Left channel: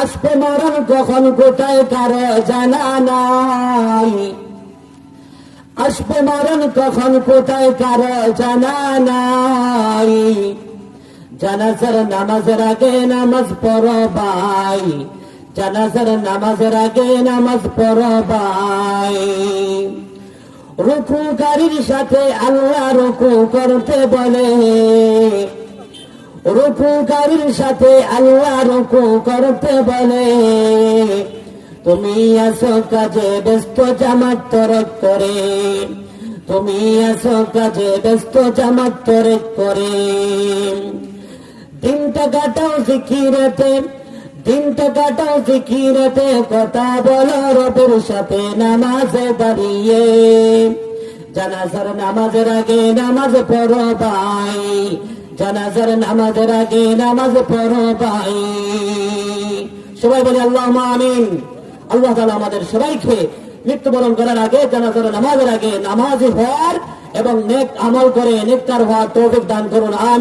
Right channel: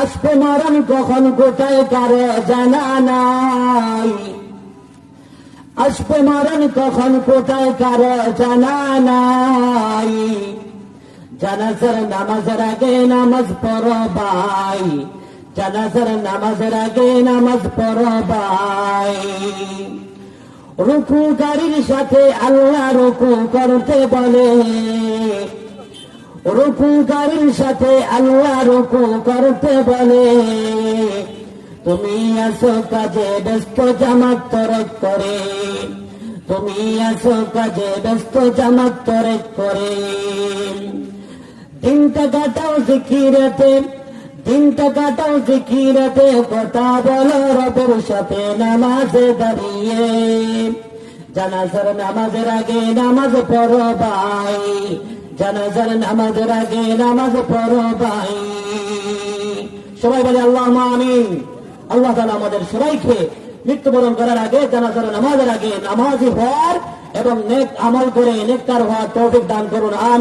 আসবে মরণ কখন কোথায় কারও জানা নাই। আসবে মরণ কখন কোথায় কারও জানা নাই। জানাজার নামাজের আগে নামাজ পড়ো ভাই। জানাজার নামাজের আগে নামাজ পড়ো ভাই। রুকুকারীর সাথে আল্লাহ রুকু করতে বলে। রুকুকারীর সাথে আল্লাহ রুকু করতে বলে। তুমি আসো কাজে ব্যস্ত জামাত তরক করে। তুমি আসো কাজে ব্যস্ত জামাত তরক করে। দিনটা কাটাও জিকিরেতে, দিনটা কাটাও জিকিরেতে, কথা বলো রবের সাথে নামাজে দাঁড়িয়ে। জানাজার নামাজের আগে নামাজ পড়ো ভাই। জানাজার নামাজের আগে নামাজ পড়ো ভাই। সবাই বলে আল্লাহ আমিন। আল্লাহ তালা আমাদের সবাইকে মৃত্যুবরণ করার আগে, জানাজার নামাজের আগে নামাজ হওয়ার এবং নেক আমল করে নেকটার হওয়ার তৌফিক দান করুন। আমিন।